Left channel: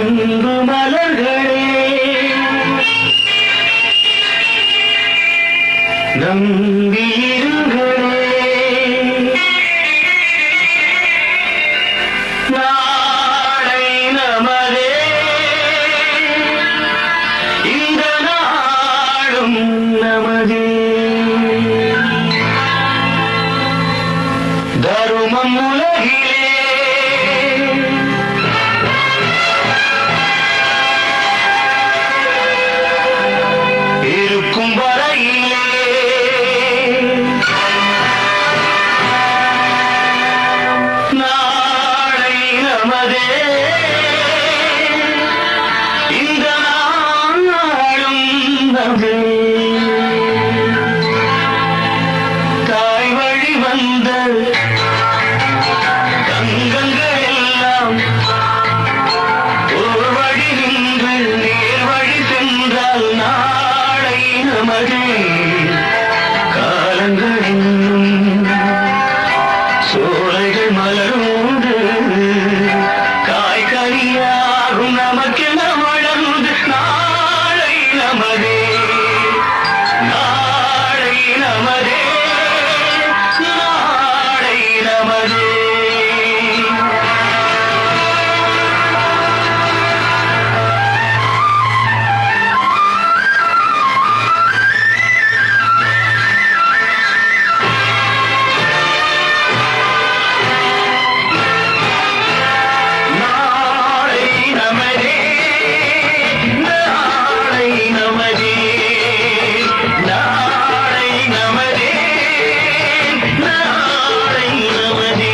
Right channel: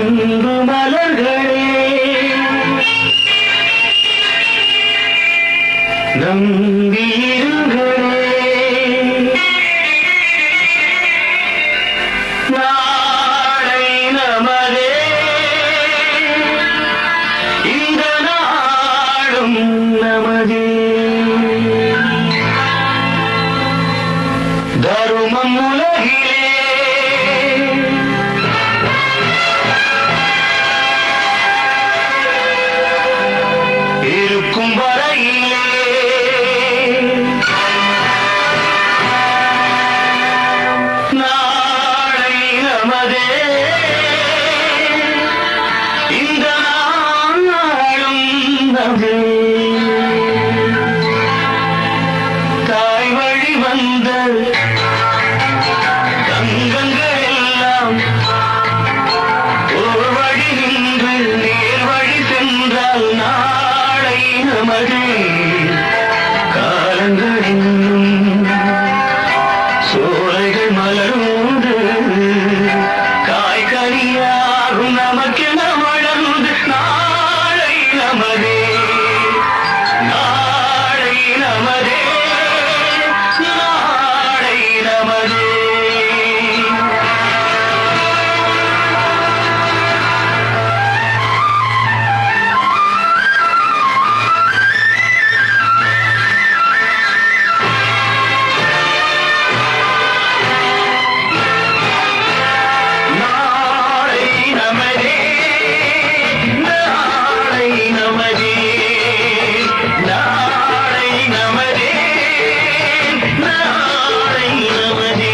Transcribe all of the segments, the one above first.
அன்பு மலர்களே நம்பியிருங்களே நாளை நமதே இந்த நாளும் நமதே தருமம் உலகிலே இருக்கும் வரையிலே நாளை நமதே இந்த நாளும் நமதே தாய் வழி வந்த தங்கங்கள் எல்லாம் ஒரு வழி நின்று நேர் வழி சென்றால் நாளை நமது காலங்கள் இன்னும் சோலைகள் மலர்ந்து காய்கறியாகும் நமக்கென வளர்ந்து நாளை நமது நாளை நமதே நாளை நமதே நாளை நமதே நாளை நமதே நாளை நமதே நாளை நமதே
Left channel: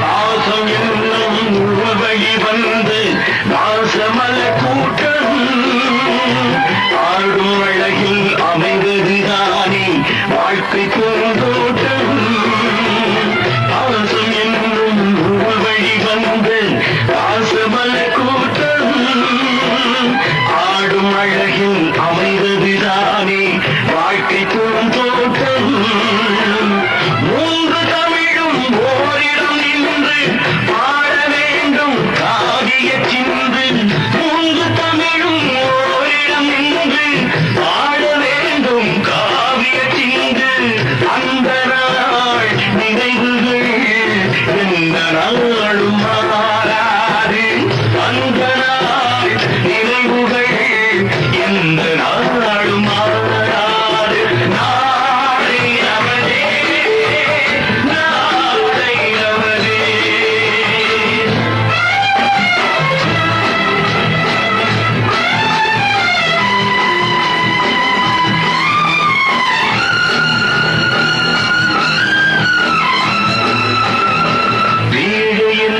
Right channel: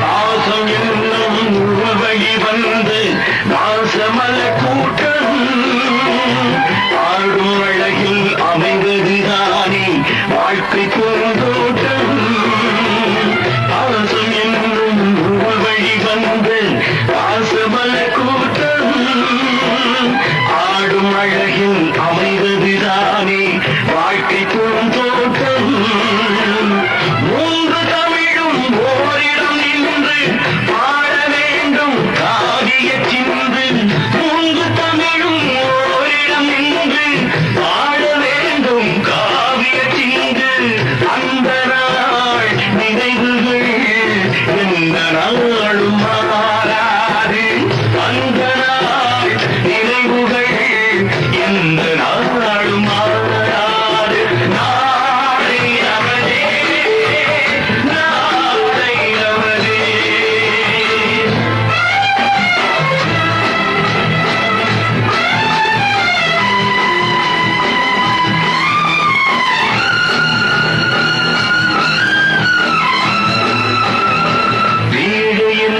பாசம் என்னும் வழி வந்து வாசமல கூட்டம் ஆடும் அழகில் அமைந்ததுதானே வாழ்க்கை பூந்தோட்டம் பாசம் என்னும் வழி வந்து வாசமல கூட்டம் ஆடும் அழகில் அமைந்ததுதானே வாழ்க்கை பூந்தோட்டம் மூன்று தமிழும் ஓரிடம் நின்று பாட வேண்டும் காவிய சிந்தை மூன்று தமிழும் ஓரிடம் நின்று பாட வேண்டும் காவிய சிந்தை அந்த நாள் நினைவுகளில் இந்த நாளும் மாறாது அந்த நாள் நினைவுகளில் இந்த நாளும் மாறாது நாளை நமதே நாளை நமதே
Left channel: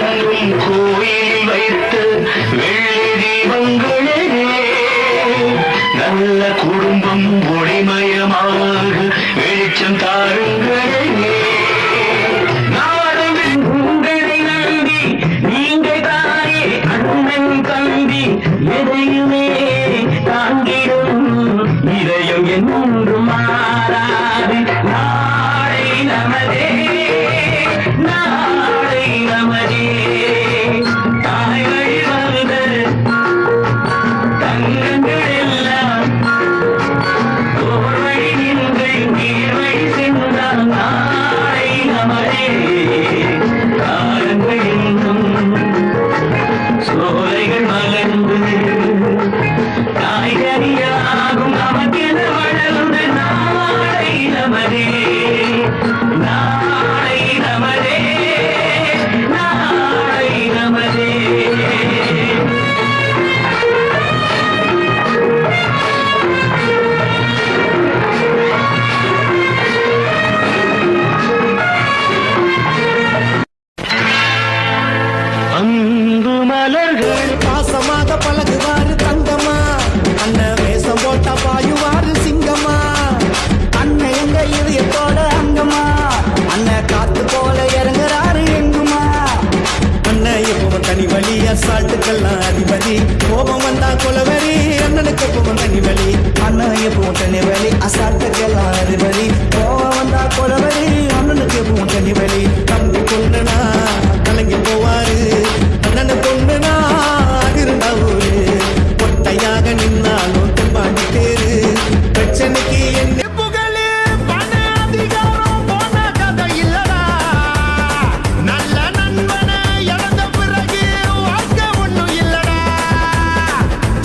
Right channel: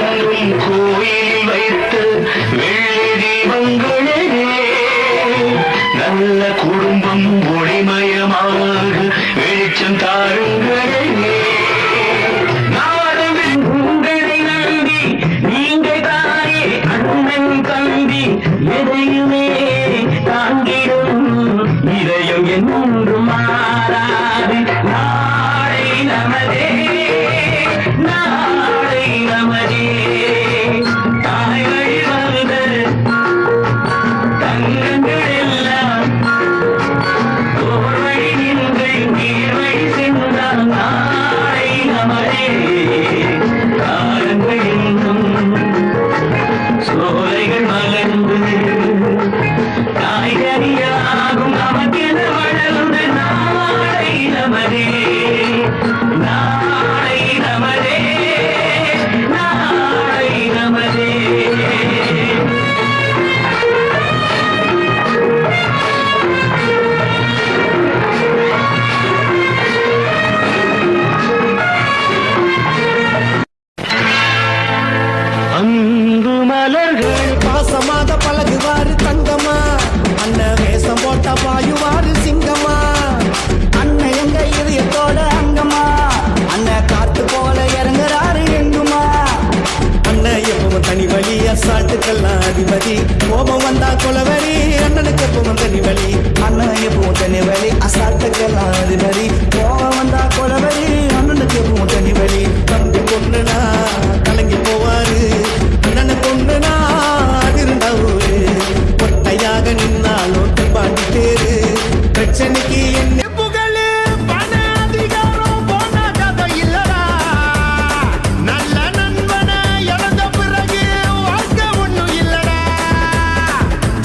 எங்கும் கோயில் வைத்து வெள்ளி தீபங்களிலே நல்ல குடும்பம் ஒளிமயமாக வெளிச்சம் தாருங்களே நாடும் உங்களை நம்பி நீங்கள் தானே அண்ணன் தம்பி எதையுமே தாங்கிடும் இதயம் என்றும் மாறாது நாளை நமதே நாளை நமதே தாய் வழி வந்த தங்கங்கள் எல்லாம் ஓர் வழி நின்று நீர் வழி சென்றால் நாளை நமதே காலங்கள் இன்னும் சோலைகள் மலர்ந்து காய்கறியாகும் நமக்கென வளர்ந்து நாளை நமதே நாளை நமதே நாளை நமதே அன்பு மலர்கள் பாசமாக பழகுவாரு தங்கம்மா, அண்ணன் வேஷம் போட்டா பாயுவாரு சிங்கம்மா. அண்ணன் எங்க இதயத்தோட அங்கம்மா, அண்ணன் காத்து போல இறங்குறாரு எங்குமா. அண்ணன் எப்பவும் தனி வழி, அசால்ட்டுக்கெல்லாம் அதிபதி. கோபம் வந்தா கொலவரி, அண்ணனுக்கு எப்பவும் தனி வழி. அண்ணன் எப்பவும் தனி வழி, அசால்ட்டுக்கெல்லாம் அதிபதி. கோவம் வந்தா கொலவரி, அண்ணனுக்கு எப்பவும் தனி வழி. தம்பி கொண்டுனா கலங்கி போவாரு, அண்ணனை கொண்டுனா அதிருண்டா ஊரு. ஒட்டையாக நின்னாலும் தென்பாண்டி தேரு, பிரச்சனைக்கு என்ன புகழு பண அதிகாரம் போன கதை இல்லடா. நல்ல நண்பனை இழந்த பிறகு வாழ்க்கை ஒண்ணும் இல்லடா.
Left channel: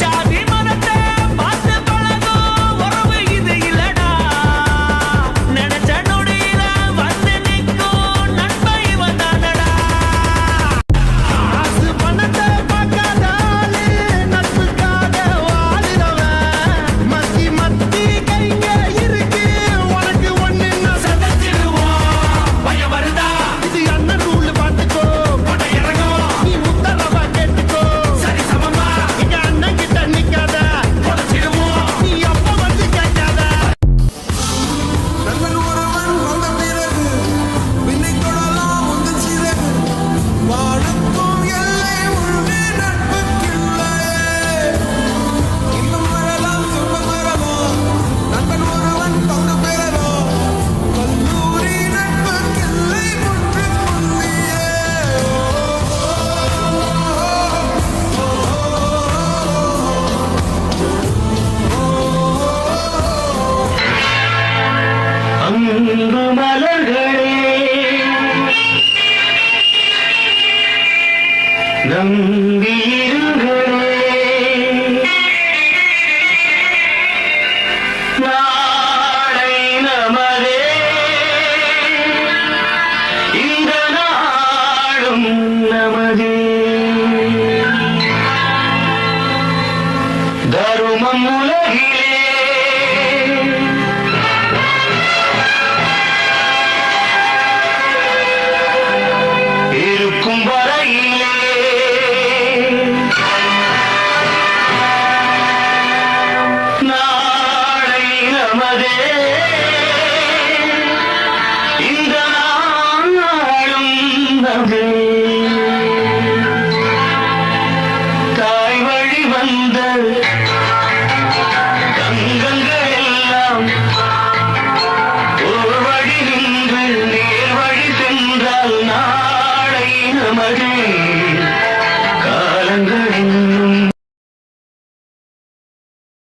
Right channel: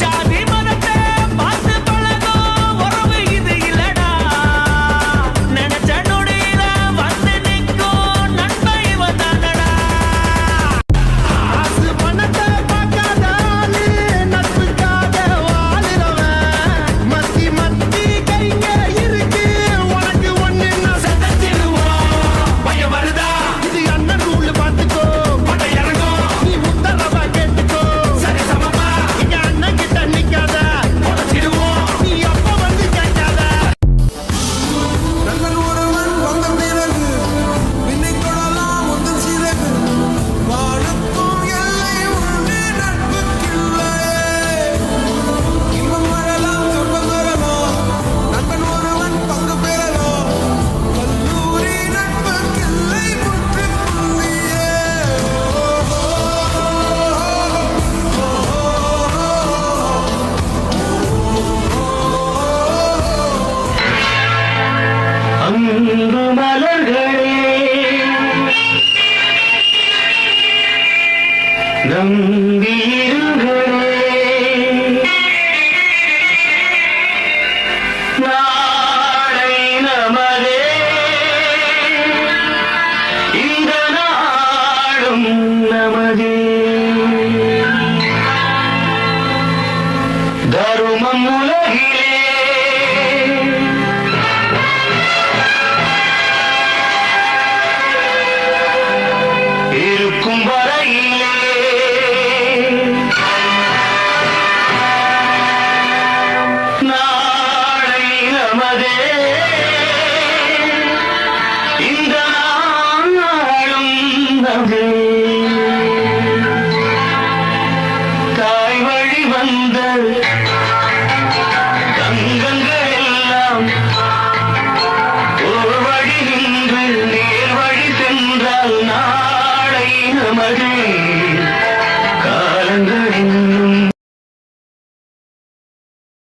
ஜாதி மதத்தை பார்த்து பழகும் உறவு இது இல்லடா. நினைச்ச நொடியில வந்து நிற்கும் நண்பன் இவன் தானடா. காசு பணத்தை பார்க்காத ஆளு நட்புக்காக வாழுறவன். மத்தி மத்தி கைங்க இருக்கு உனக்கு ஒண்ணு சதச்சிடுவோம். பயம் வருதா இது அண்ணன் ரூல் பார்த்துக்கோ. பட்டை இறங்கும் நீ உத்தரவா கேட்டுக்கோ. சரி சமமா எங்க அண்ணன் கிட்ட நிக்காத, உடச்சிடுவோம் நீ அப்ப வந்து கேட்காத. நண்பன் ஒருவன் வந்த பிறகு விண்ணை தொடலாம் முந்தன் சிறகு. வாழுக்கும் எல்லை உண்டு நட்புக்கில்லையே. இன்பம் வரலாம் துன்பம் வரலாம், நண்பன் ஒருவன் பங்கு பெறலாம். கல்லூரி நட்புக்கில்லை முற்றுப்புள்ளியே. அன்பு மலர்களே நம்